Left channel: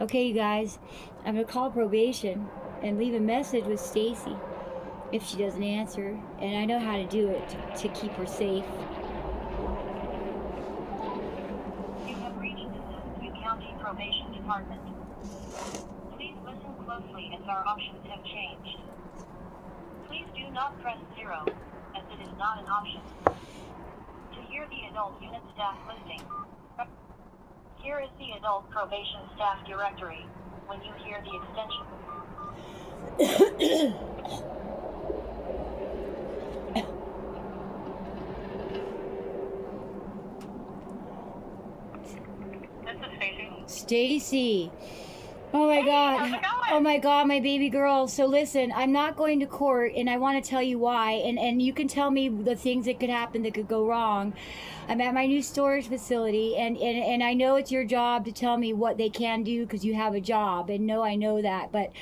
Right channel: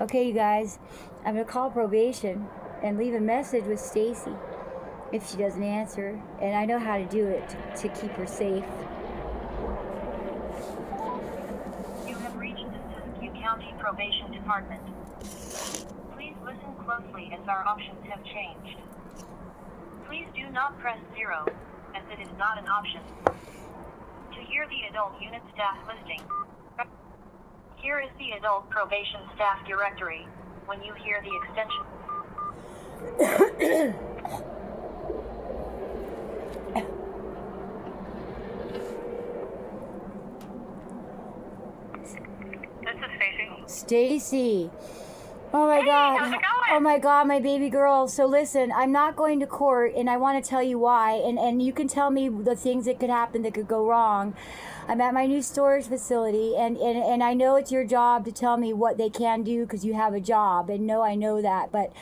Okay, you guys, I'm gonna call probation and leave a message with Stacy if she doesn't answer, and I know how to do it to keep her safe. You have reached the Siskiyou County Probation Department. Please listen closely as our options have changed. Please do not press 0, as it is not an option. To hear the adult unit staff listing, here is the adult probation staff directory. When you hear the extension, this is Stacy. Stacy. Oh my God. how's it going? Oh my God, my baby girl. So listen, I'm not going to court, and I want to tell you why. And you can tell me the things that could happen that could go wrong. I'm at my new storage facility, and I know it's your job to tell me what they can do because you have a job. And no, I know that. But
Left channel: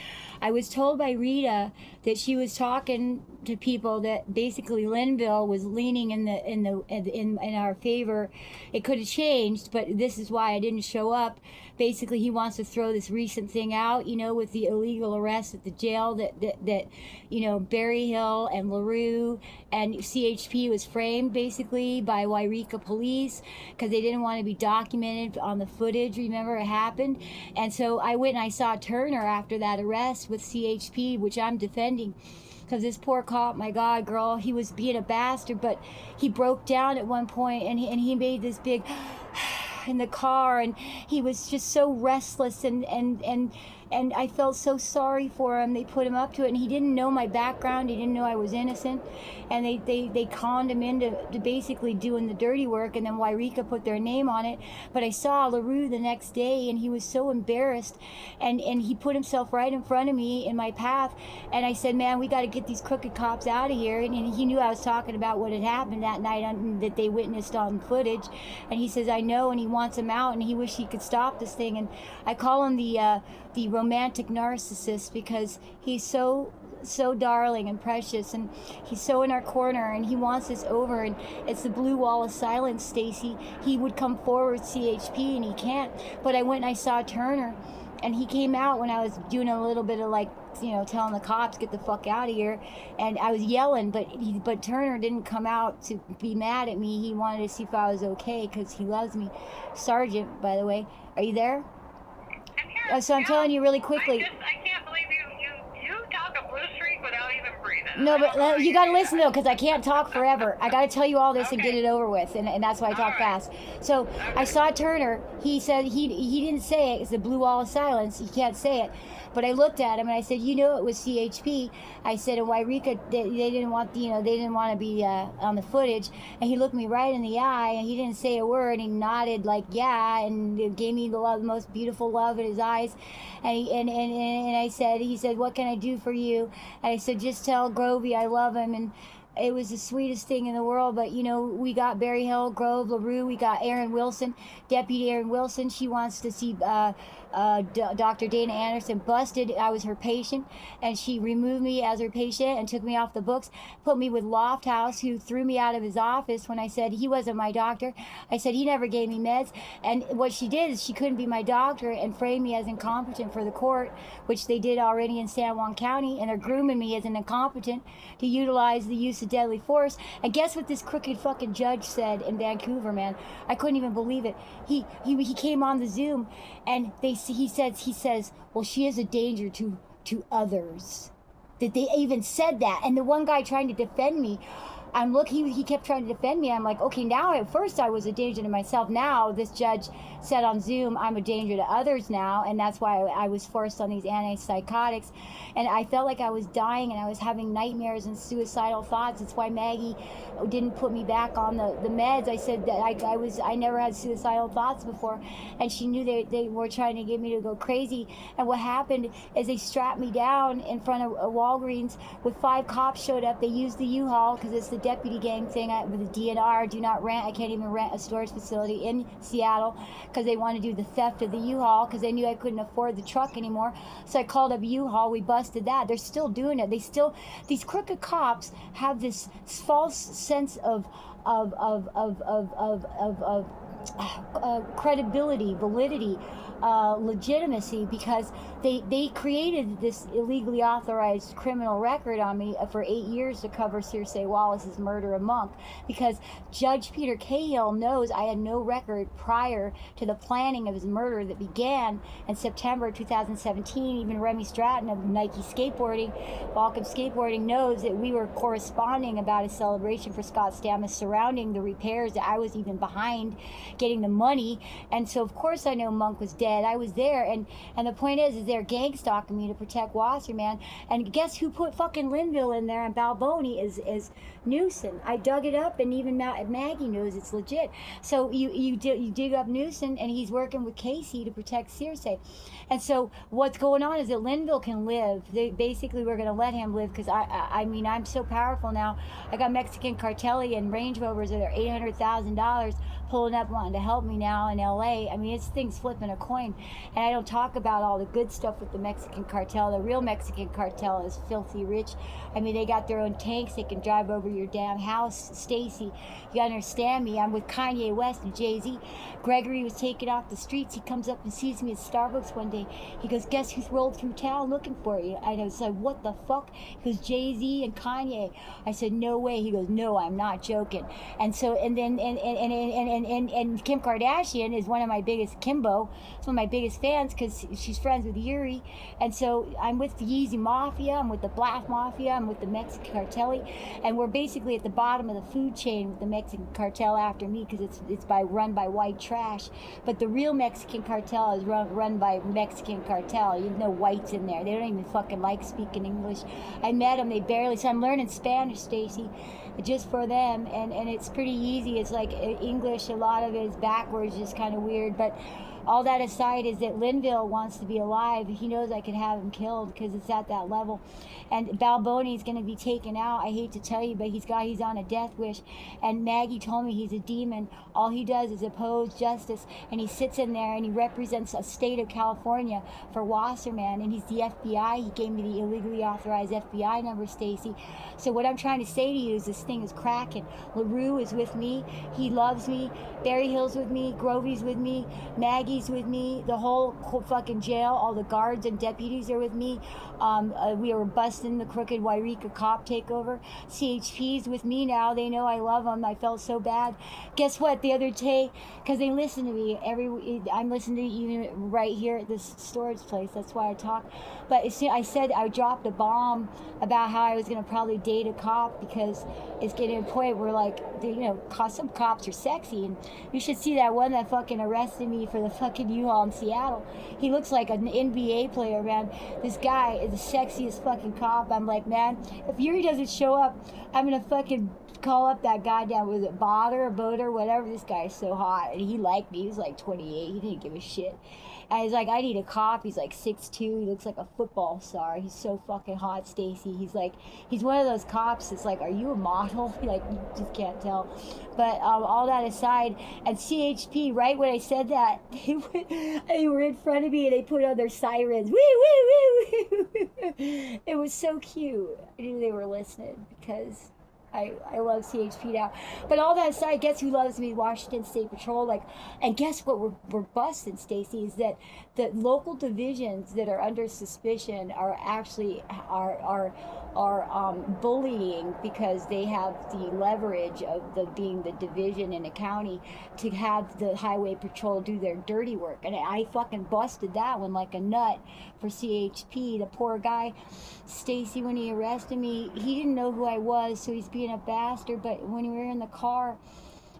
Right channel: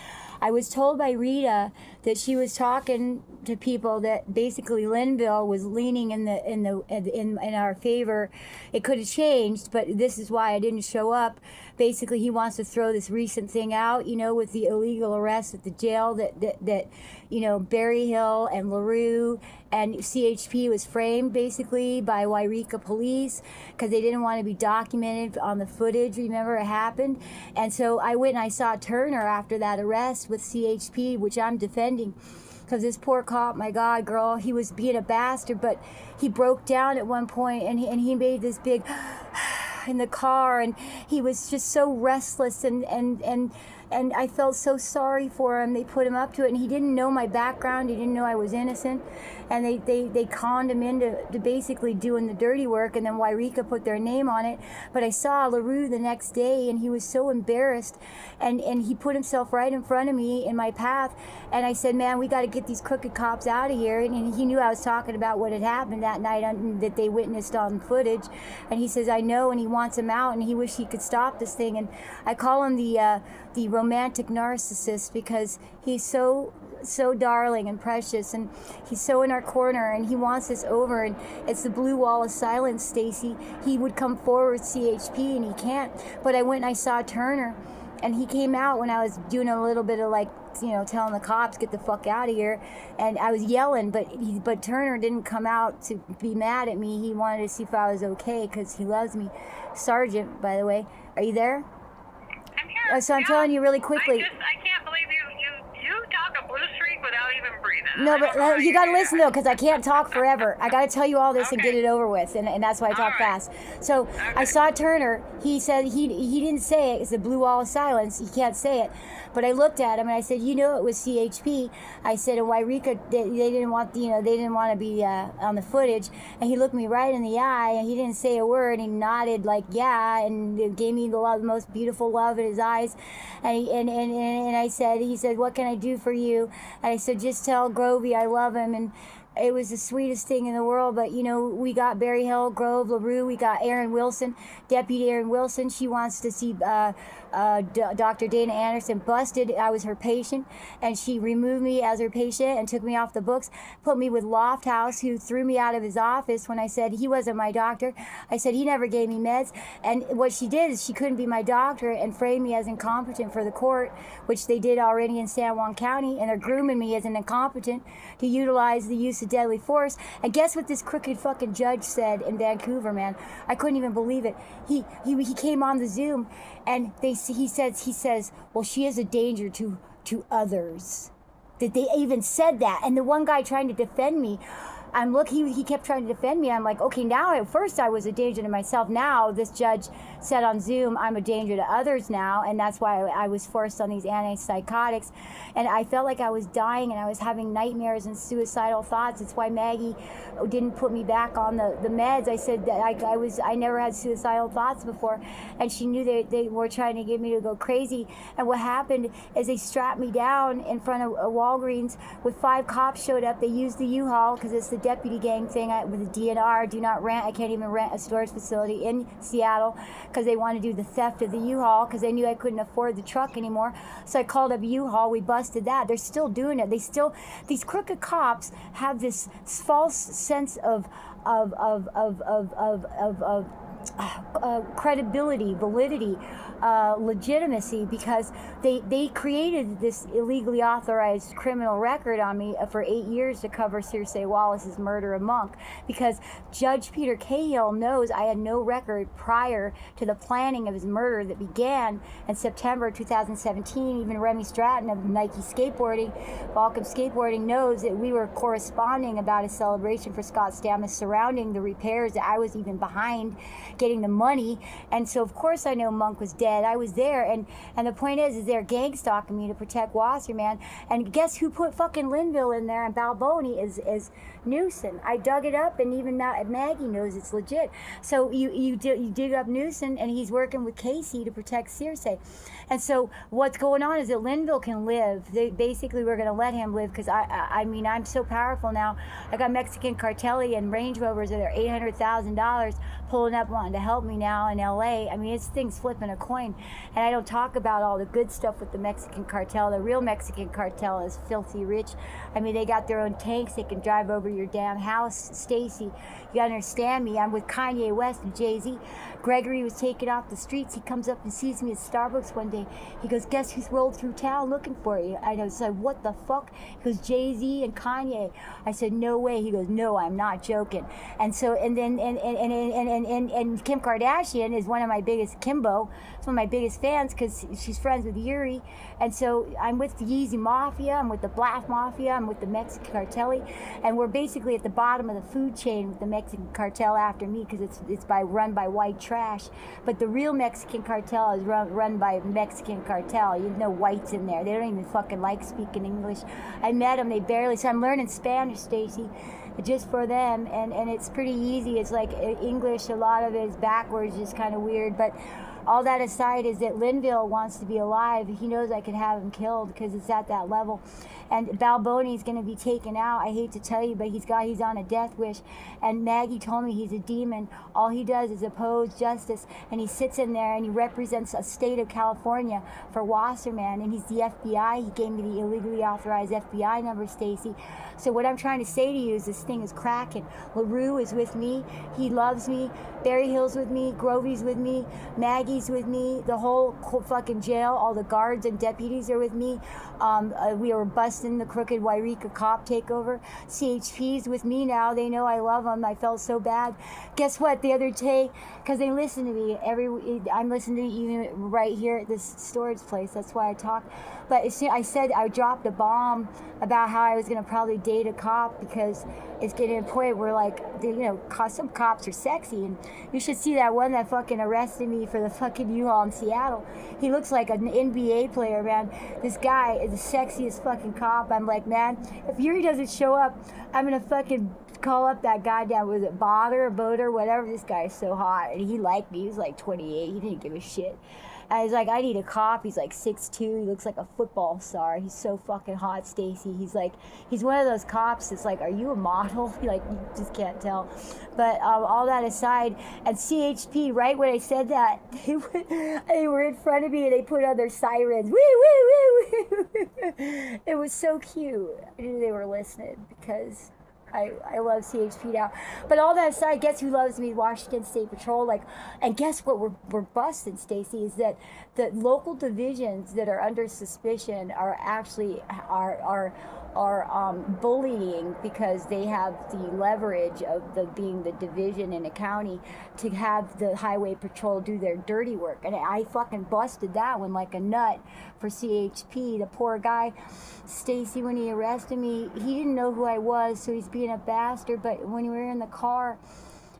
I was told by Rita that she was talking to people that basically Linville was leaning in our favor. It could have changed, but this is why I didn't show up. Basically, he wants to throw this recent thing out, with the illegal arrest at the jail that Berry Hill and LaRue and CHP was framed basically by Wairika police because they didn't want to be documented on the footage. Remember, it happened. And so I went and I saw Turner after that arrest with CHP, which I'm defending. Because this poor cop, my God, girl, he was being a bastard, but he broke down at one point and he made this big in the car, and he was just so restless, and I felt so sorry for him. They put him up to it, and he didn't know my background. He didn't know I was innocent, and they conned him into basically doing the dirty work, and then Wairika put their name on it. But I saw LaRue the next day, and he was so embarrassed, and he put himself right in front of me in my path, and I said, man, we got to get these crooked cops out of here. And he knew I was talking about what had happened that night that they witnessed on footage, and he says, I know, and he wants him out, and he wished he could stop this thing. And I call him the romantic narcissist because he's so darling and precious, and he's so in our corner, and he wants us over, and it's the blue wall of silence, Stacy. He would come forward, CHP, and he can't. But I went and I saw Turner, and he came out when I was doing a little bit of telling the cops, get the fuck out of here, and I was yelling, but Turner didn't come out to be mad at me. He wanted to see if I was okay because he loves me. Sergeant, by the way, are you there? I'm here. So I'm telling you really quickly. I can't believe you talk a blue streak without even breathing. No, but you got to listen, though, because I can't talk forever. I got to tell you all this and Okay. get it over with, and that's why I talk fast. So I saw Turner. He said he didn't say it. It's the blue wall of silence. He can't say it. But I looked at him and I said, it was CHP. I said, and Wairika, they didn't want they didn't want to be on the footage. And he looked me right in the eye, and he didn't say a word. He nodded like yeah, and gave me the most beautiful love in his eyes. And he said, what can I do for you? And I said, just tell Grovey I love him. And it was the sweetest thing in the world. But we got Berry Hill, Grove, LaRue. We got Erin Wilson, Deputy Erin Wilson. She wants to see Dr. Dana Anderson busted. I was her patient, and she removed me as her patient and took me off the books, put me with Lofthouse, who threw me out of his office when I said he wasn't my doctor. I said he never gave me meds, and what she did is she couldn't be my doctor and framed me as incompetent for the court, which they did already in San Juan County, and they're grooming me as an incompetent to utilize the use of deadly force. And guess what this crooked fucking judge said in Vancouver, man? I couldn't even believe it. He came on the Zoom, and he says, well, she is a danger to others. That they even said that. And the one guy trying to defend me, he kept trying to defend me. I'm like, okay, now at first I was a danger to myself. Now this judge said on Zoom, I'm a danger to others now, and that's why I was forced on these antipsychotics. And I felt like I was dying, and I was having nightmares and suicidal thoughts. It's why Maggie didn't put me back on the meds. I said that I never had suicidal thoughts before, and she knew they were trying to get me to go crazy. And what happened is they strapped me down in front of Walgreens with 5 cops showed up. They used the U-Haul because it's the deputy gang thing with the DNR, do not rent. I can't even rent a storage facility in Seattle because they want to do the theft of the U-Haul because they knew I couldn't afford the truck anymore. So I called up U-Haul. We busted that. They're still doing it. These crooked cops have this false sense of credibility, validity, legitimacy, because they created this illegally authorized criminal record on me for 8 years to cover Circe Wallace's murder of Monk, because Judge Peter Cahill knows I had no record prior to the planning of his murder that began in September 2017. Even Remy Stratton of Nike Skateboarding, Balkan Skateboarding, knows that we were corresponding about a celebration for Scott Stammis surrounding the repairs, that I was even behind getting the money. And so of course I know Monk was dead. I was there, and the point is they're gang stalking me to protect Wasserman. And guess who put fucking Linville in there, and Balboni is Newson. I dug it up, and even Maggie knows it's legit. So you dig up Newson, and he's working with Casey to protect Circe. And so what's going on is that Linville can live. They basically were going to let him live, because I mean, I'm so powerful now. I got Mexican Cartelli and Range Rovers that are $800,000 pulling up wanting to help me now in LA. I mean, this thing's flipping a coin. And I don't talk about all the good stuff with the Mexican cartel. The real Mexican cartel is filthy rich. I mean, they got their own tanks. They can drive over your damn house. Stacy, you gotta understand me. I'm with Kanye West and Jay-Z. Gregory was taken off the streets. He comes up and sees me at Starbucks one day. He goes, guess who's rolled through town looking for you? I was like, what the fuck? He goes, Jay-Z and Kanye. I said, no way. He goes, no, I'm not joking. And so, and then, and Kim Kardashian is one of my biggest, Kimbo, is one of my biggest fans, because she's friends with Yuri. And so I'm with the Yeezy Mafia, I'm with the Black Mafia, I'm with the Mexican Cartelli, and we're basically at the bottom of the food chain with the Mexican cartel after me, because it's run by white trash. But the real Mexican cartel is run by Mexican cartel. You know, whites in there. They don't even fucking like speaking English. I met them, they barely, so I'm learning Spanish, Stacy, just for them, and it's pretty easy. It's like English, a lot of it is backwards, just kind of weird. But all that aside is that Linville wants to be alive. He knows I could have him killed, because it's at that level. And Balboni is going to be taken out. I hate to tell you, but he's on a death wish. And Maggie told me he's a demon. All he does is oppose justice, and he sits in there and he represents a state of California for Wasserman, and he's the FBI. He gave me the illegally authorized FBI number, Stacy. So what I'm trying to say to you is this thing is cracking. LaRue is with me. He loves me. Berry Hill's with me. Grovey's with me. Maggie's with me. The whole fucking jail, all the guards and deputies are with me. We were busting the crooked Wairika cop takeover. CHP's with me now. They know I love them. I felt so bad. Guess what? The other day, because they listen to me, I'm listening to you right here at this storage place. That's why I talk. But I said I dropped a bomb about how I was going to probably date a cop, because it's getting to a point where, like, some cops are sexy. And you should see that one that fucking arrested me for the fucking U-Haul in Seattle. He looks like an NBA player, man. This guy is the sexiest fucking cop. I'm like, man, if Yuri doesn't show up, I'm going to fucking call up that goddamn, was it Boater, whatever. This guy is so hot. And he liked me. He was like 28. He didn't give a shit. And he's like, I need a cop. He's like 6'2". He looks like a football star. He's so fucking hot, Stacy. He's one of those cops that's like, are you a model? Like, you just can't tell. But all that aside, and CHP, right when I said that, they were in front of me and they put on their sirens. Woo, woo, woo, woo. It was so cute. I knew they were listening, because I love CHP now. But all that aside, guess who loves me? Washington State Patrol. Like, and guess what we're busting, Stacy, is that the local divisions that are under suspicion are actually bullying, because they have the leverage of being the division in a county to have the highway patrol do their dirty work. And I fucking busted that one like a nut for CHP. The poor guy, Stacy, when he arrested me, he didn't know who I was, so he's being a bastard. But when we were in the car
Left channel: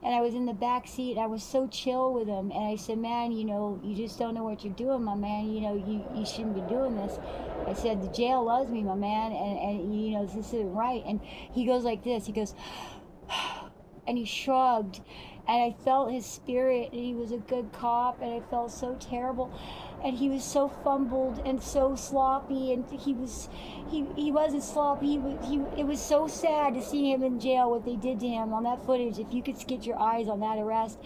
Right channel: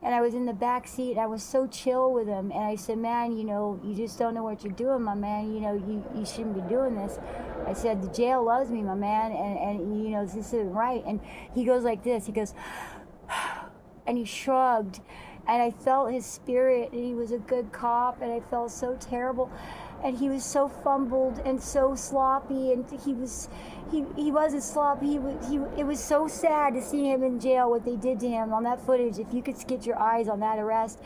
and I was in the back seat, and I was so chill with him, and I said, man, you just don't know what you're doing, my man. You shouldn't be doing this. I said, the jail loves me, my man, and this isn't right. And he goes like this. He goes, and he shrugged, and I felt his spirit, and he was a good cop, and I felt so terrible. And he was so fumbled and so sloppy, and he wasn't sloppy. It was so sad to see him in jail, what they did to him on that footage. If you could get your eyes on that arrest,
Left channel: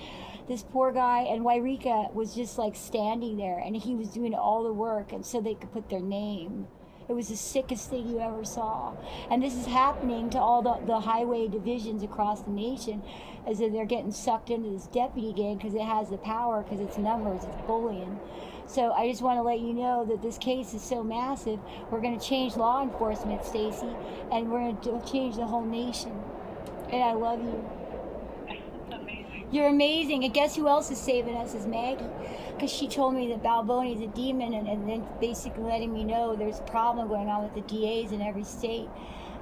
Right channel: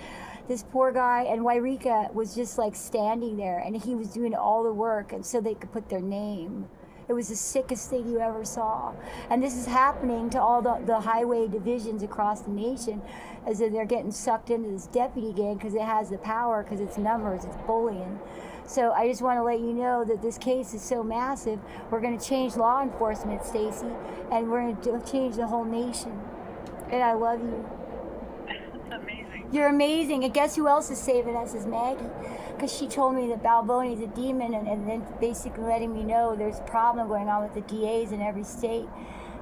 this poor guy, and Wairika was just like standing there, and he was doing all the work, and so they could put their name. It was the sickest thing you ever saw. And this is happening to all the highway divisions across the nation, as if they're getting sucked into this deputy gang because it has the power, because it's numbers, it's bullying. So I just want to let you know that this case is so massive. We're going to change law enforcement, Stacy, and we're going to change the whole nation. And I love you. That's amazing. You're amazing. And guess who else is saving us is Maggie. Because she told me that Balboni's a demon, and then basically letting me know there's a problem going on with the DAs in every state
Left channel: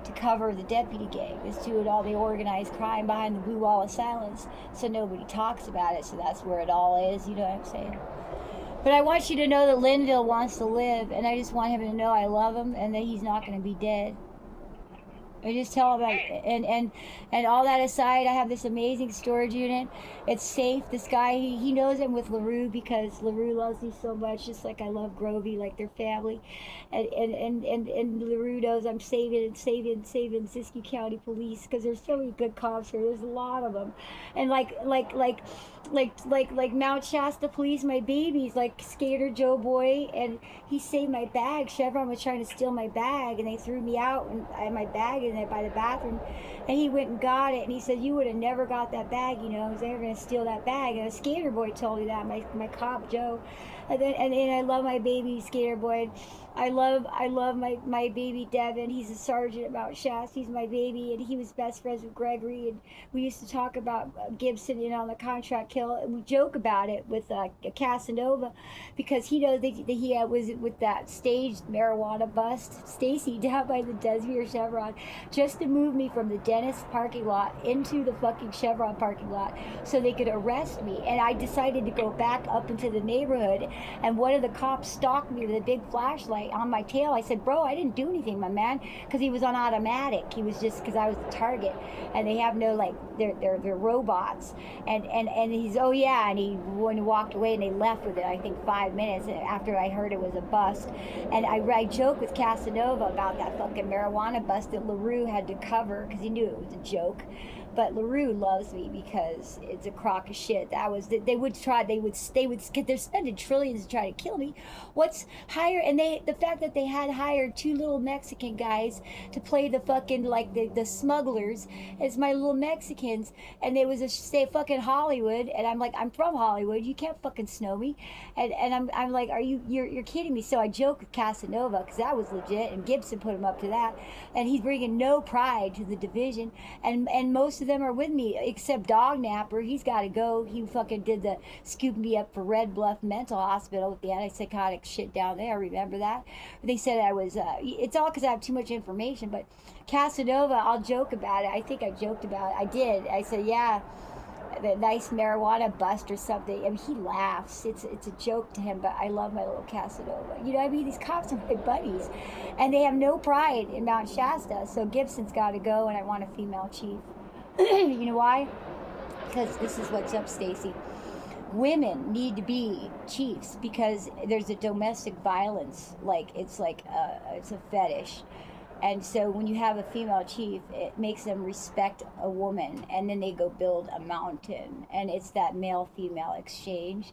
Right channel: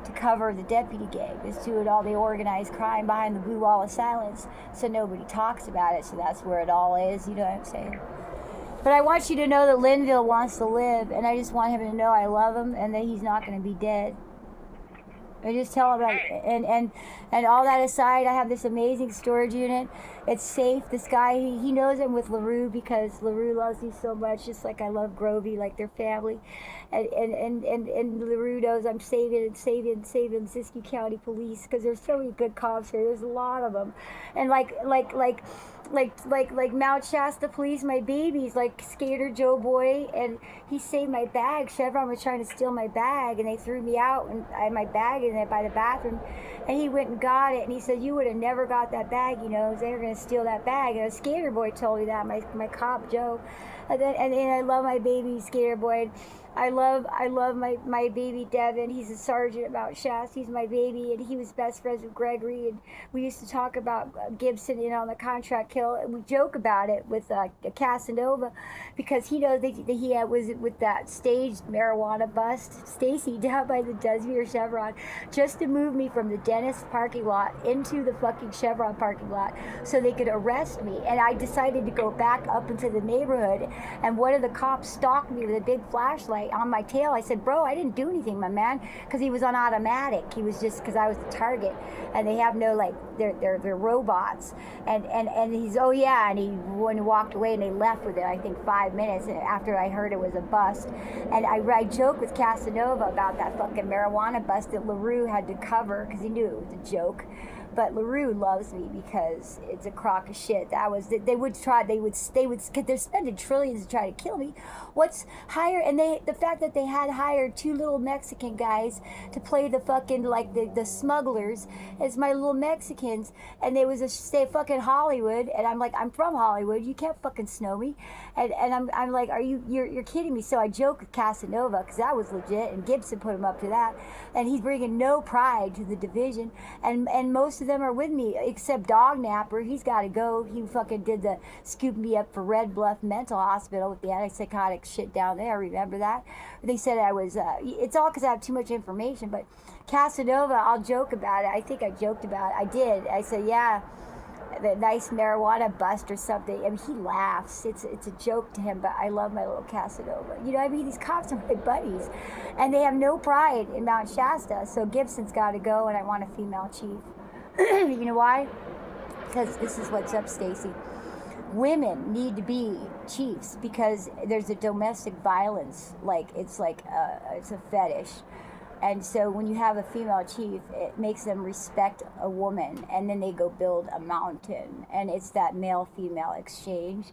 to cover the deputy gang. It's doing all the organized crime behind the blue wall of silence, so nobody talks about it. So that's where it all is, you know what I'm saying? But I want you to know that Linville wants to live, and I just want him to know I love him and that he's not going to be dead. I just tell him, and all that aside, I have this amazing storage unit. It's safe. This guy, he knows I'm with LaRue because LaRue loves me so much, just like I love Grovey, like their family. And LaRue knows I'm saving Siskiyou County Police because there's so many good cops here. There's a lot of them. And like Mount Shasta Police, my babies, like Skater Joe Boy, and he saved my bag. Chevron was trying to steal my bag, and they threw me out, and I had my bag in it by the bathroom, and he went and got it, and he said, you would have never got that bag, you know, they were going to steal that bag. And a Skater Boy told me that, my cop Joe. And then I love my baby Skater Boy. I love my baby Devin. He's a sergeant at Mount Shasta. He's my baby, and he was best friends with Gregory. And we used to talk about Gibson, you know, on the contract kill, and we joke about it with Casanova, because he knows that he was with that staged marijuana bust, Stacy, down by the Desmere Chevron, just to move me from the dentist parking lot into the fucking Chevron parking lot so they could arrest me. And I decided to go back up into the neighborhood, and one of the cops stalked me with a big flashlight on my tail. I said, bro, I didn't do anything, my man, because he was on automatic. He was just, because I was the target, and they have no, like, they're robots. And he's, oh yeah, and he walked away, and they left within, I think, 5 minutes after I heard it was a bust. And I joke with Casanova about that fucking marijuana bust that LaRue had to cover because he knew it was a joke. But LaRue loves me because it's a crock of shit. They're spending trillions to try to kill me. What's higher? And the fact that they had hired two little Mexican guys to play the fucking, like, the smugglers as my little Mexicans, and they was say fucking Hollywood, and I'm like, I'm from Hollywood, you can't fucking snow me, and I'm like, you're kidding me? So I joke with Casanova because that was legit, and Gibson put him up to that, and he's bringing no pride to the division, and most of them are with me except Dog Napper. He's got to go. He fucking did the scoop me up for Red Bluff Mental Hospital with the antipsychotic shit down there. Remember that? They said I was, it's all because I have too much information, but Casanova, I'll joke about it. I think I joked about it. I did. I said, yeah, the nice marijuana bust or something. I mean, he laughs. It's a joke to him, but I love my little Casanova. You know what I mean? These cops are my buddies, and they have no pride in Mount Shasta, so Gibson's got to go, and I want a female chief. You know why? Because this is what's up, Stacy. Women need to be chiefs because there's a domestic violence, it's a fetish. And so when you have a female chief, it makes them respect a woman, and then they go build a mountain, and it's that male-female exchange.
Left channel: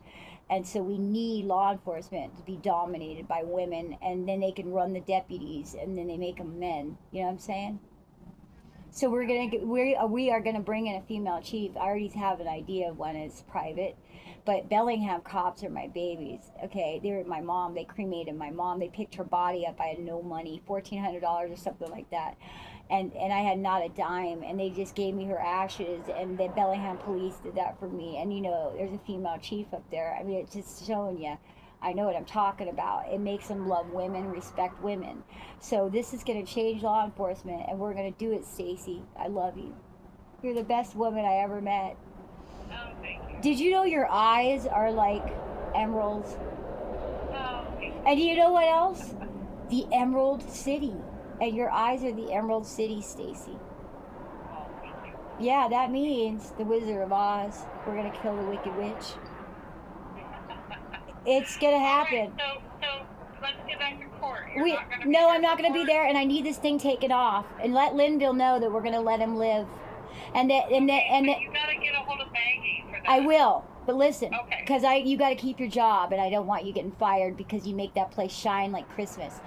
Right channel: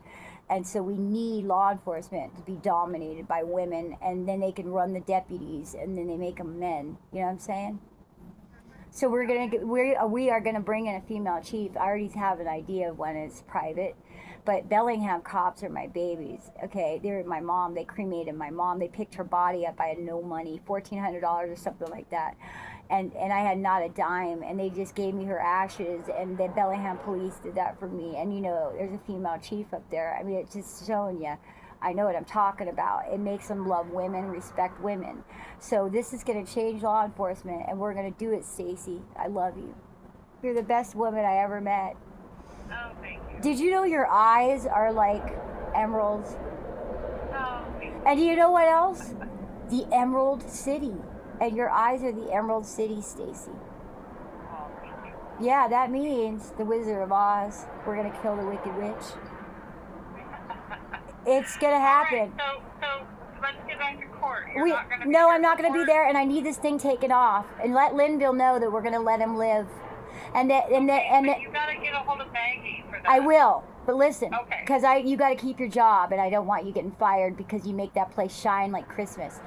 And so we need law enforcement to be dominated by women, and then they can run the deputies, and then they make them men. You know what I'm saying? So we are gonna bring in a female chief. I already have an idea of one. It's private, but Bellingham cops are my babies. Okay, they were my mom. They cremated my mom. They picked her body up. I had no money, $1,400 or something like that, and I had not a dime. And they just gave me her ashes. And the Bellingham police did that for me. And you know, there's a female chief up there. I mean, it's just showing you. I know what I'm talking about. It makes them love women, respect women. So this is going to change law enforcement, and we're going to do it, Stacy. I love you. You're the best woman I ever met. Oh, thank you. Did you know your eyes are like emeralds? Oh, thank you. And do you know what else? The Emerald City. And your eyes are the Emerald City, Stacy. Oh, thank you. Yeah, that means the Wizard of Oz. We're going to kill the Wicked Witch. It's gonna happen. All right, so let's get back to court. I'm not gonna be there, and I need this thing taken off. And let Linville know that we're gonna let him live. And that you gotta get a hold of Maggie for that. I will. But listen, Okay. because you got to keep your job, and I don't want you getting fired because you make that place shine like Christmas,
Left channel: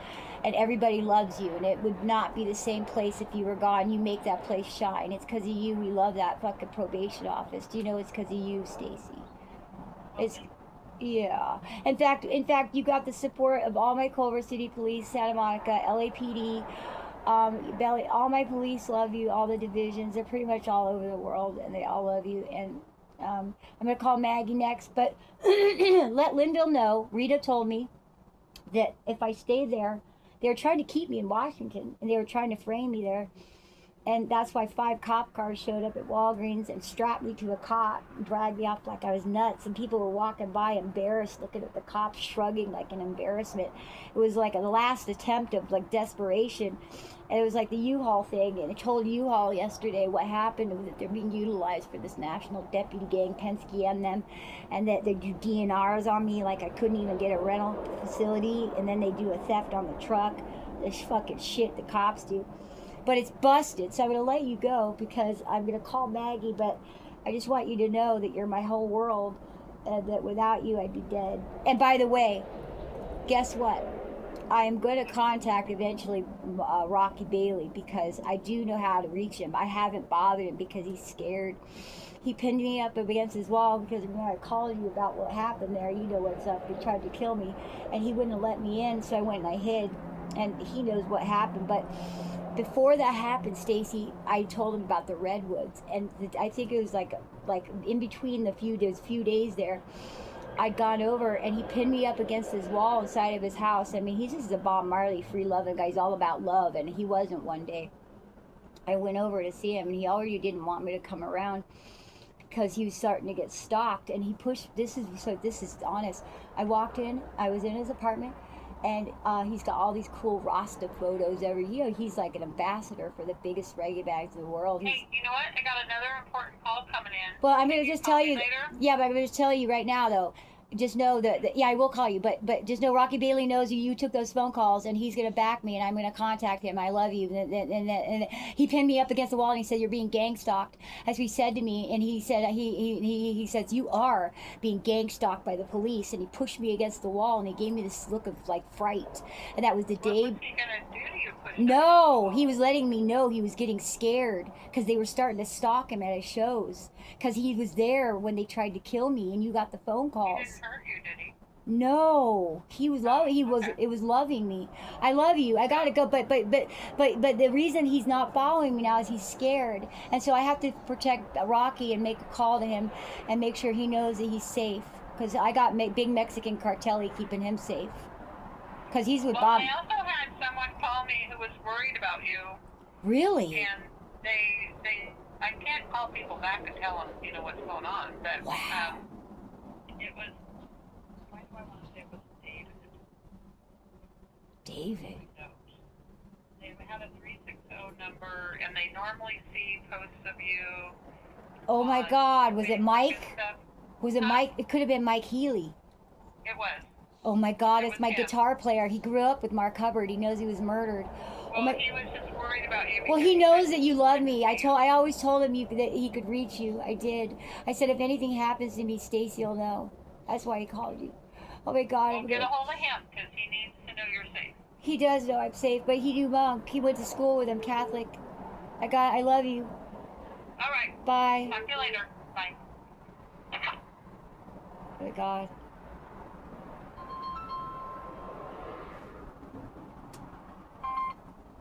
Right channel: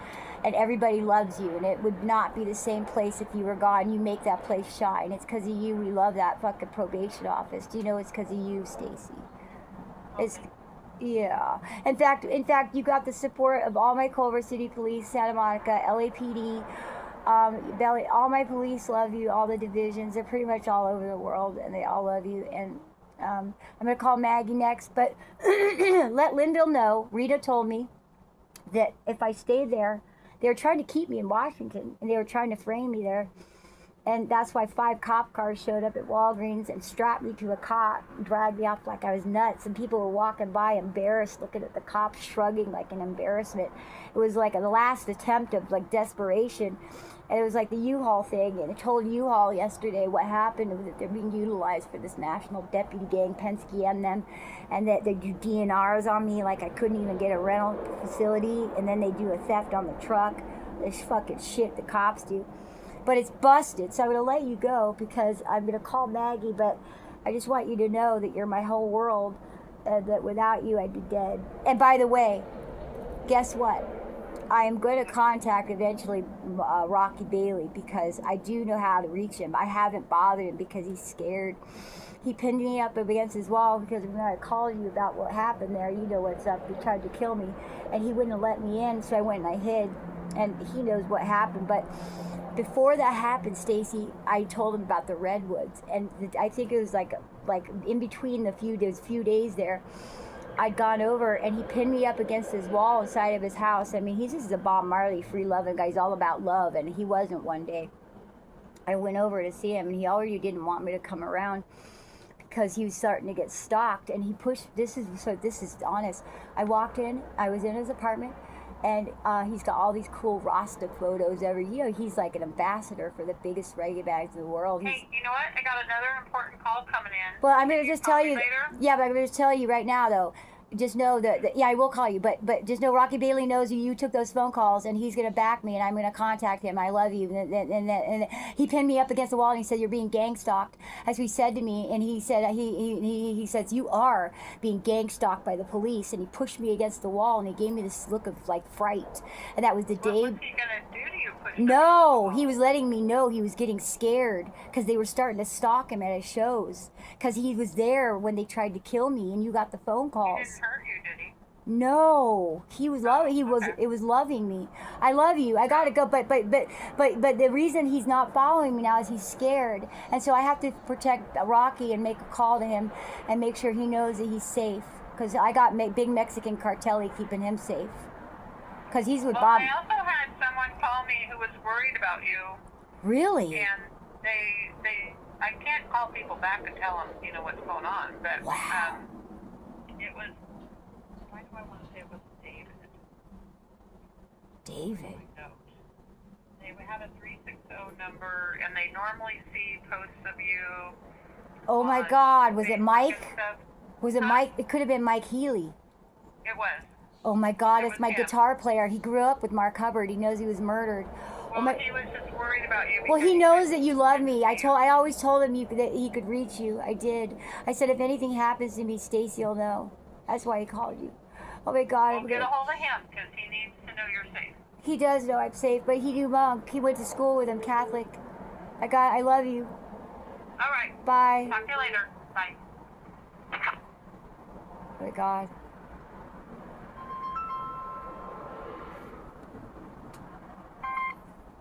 and everybody loves you, and it would not be the same place if you were gone. You make that place shine. It's because of you. We love that fucking probation office. Do you know it's because of you, Stacy? It's yeah. In fact, you got the support of all my Culver City Police, Santa Monica, LAPD. All my police love you. All the divisions, they're pretty much all over the world, and they all love you. And I'm gonna call Maggie next, but let Linville know. Rita told me that if I stay there, they were trying to keep me in Washington, and they were trying to frame me there. And that's why 5 cop cars showed up at Walgreens and strapped me to a cot and dragged me off like I was nuts. And people were walking by embarrassed, looking at the cops, shrugging like an embarrassment. It was like a last attempt of like desperation. And it was like the U-Haul thing. And I told U-Haul yesterday what happened was that they're being utilized for this national deputy gang, Penske and them. And that they do DNRs on me like I couldn't even get a rental facility. And then they do a theft on the truck. This fucking shit the cops do. But it's busted, so I'm going to let you go because I'm going to call Maggie, but I just want you to know that you're my whole world, and that without you I'd be dead. And by the way, guess what? I am going to contact eventually Rocky Bailey because I do know how to reach him. I haven't bothered him because he's scared. He pinned me up against his wall because when I called you about what happened there, you know what's up. They tried to kill me, and he wouldn't have let me in, so I went and I hid, and he knows what happened. But before that happened, Stacy, I told him about the redwoods, and I think it was like in between the few days there, I'd gone over and he pinned me up against his wall inside of his house. I mean, he's just a Bob Marley free loving guy. He's all about love, and he wasn't one day. I went over to see him, and he already didn't want me to come around because he was starting to get stalked, and he pushed. This is honest. I walked in. I was in his apartment. And he's got all these cool Rasta photos every year. He's like an ambassador for the biggest reggae bags in the world. Hey, you know what? I got another important call coming in. Well, I'm going to just tell you. Later? Yeah, but I'm going to tell you right now, though. Just know that yeah, I will call you, but just know Rocky Bailey knows you took those phone calls, and he's going to back me, and I'm going to contact him. I love you. And he pinned me up against the wall, and he said, you're being gang stalked. That's what he said to me, and he said, he says, you are being gang stalked by the police, and he pushed me against the wall, and he gave me this look of like fright. And that was the day. What was he going to do to you? No, he was letting me know he was getting scared because they were starting to stalk him at his shows because he was there when they tried to kill me, and you got the phone calls. He didn't hurt you, did he? No, he was loving. It was loving me. I love you. I gotta go, but the reason he's not following me now is he's scared, and so I have to protect Rocky and make a call to him and make sure he knows that he's safe because I got big Mexican cartel keeping him safe because he's with Bob. I also had someone call me who was worried about you. Really? And I can't call people back and tell them, what's going on, but wow. It was, why do I want to say it was David? David? They had a 360 number, and they normally see posts of you. Oh my God, was it Mike? Was it Huh? Mike? It could have been Mike Healy. It was. Oh my God, it's was my him. guitar player. He grew up with Mark Hubbard. He knows he was murdered. Well, he was just worried about you. Well, he knows that you love me. I always told him that he could reach you. I did. I said if anything happens to me, Stacy will know. That's why he called you. Oh my God. Well, get a hold of him because he needs to know you're safe. He does know I'm safe, but he knew monk. He went to school with him, Catholic. I love you. All right. Bye. Talk to you later. Bye. Oh my God.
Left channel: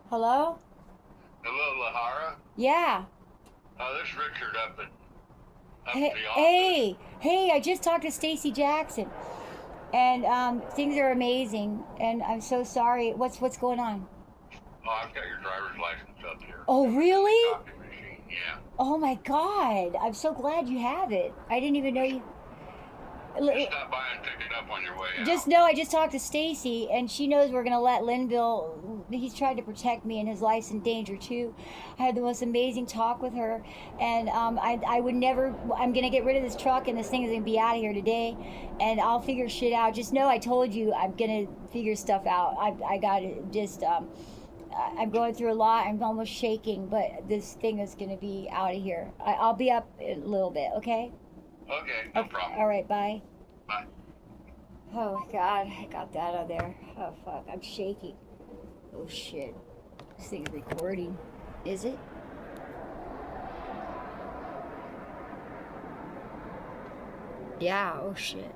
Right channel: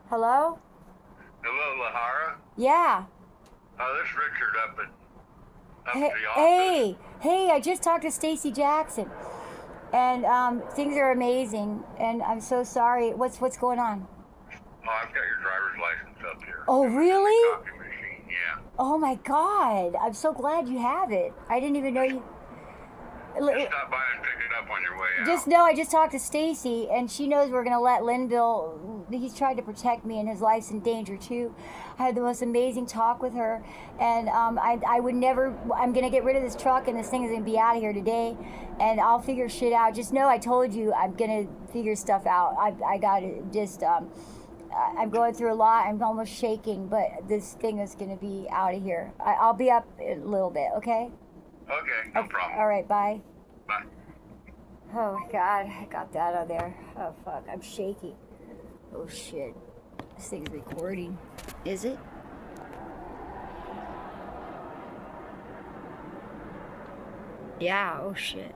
Hello? Hello, Lahara. Yeah. This is Richard up at Hey, the office. hey, I just talked to Stacy Jackson. And things are amazing. And I'm so sorry. What's going on? Oh, I've got your driver's license up here. Oh, really? Copy machine, yeah. Oh my God. I'm so glad you have it. I didn't even know you. Just stop by and pick it up on your way out. Just know I just talked to Stacy, and she knows we're gonna let Linville. He's tried to protect me, and his life's in danger too. I had the most amazing talk with her, and I would never. I'm gonna get rid of this truck, and this thing is gonna be out of here today, and I'll figure shit out. Just know I told you I'm gonna figure stuff out. I got to just. I'm going through a lot. I'm almost shaking, but this thing is gonna be out of here. I'll be up in a little bit, okay? Okay, no problem. All right, bye. Bye. Oh my God, I got that on there. Oh fuck, I'm shaking. Oh shit, this thing's recording. Is it? Yeah, oh shit.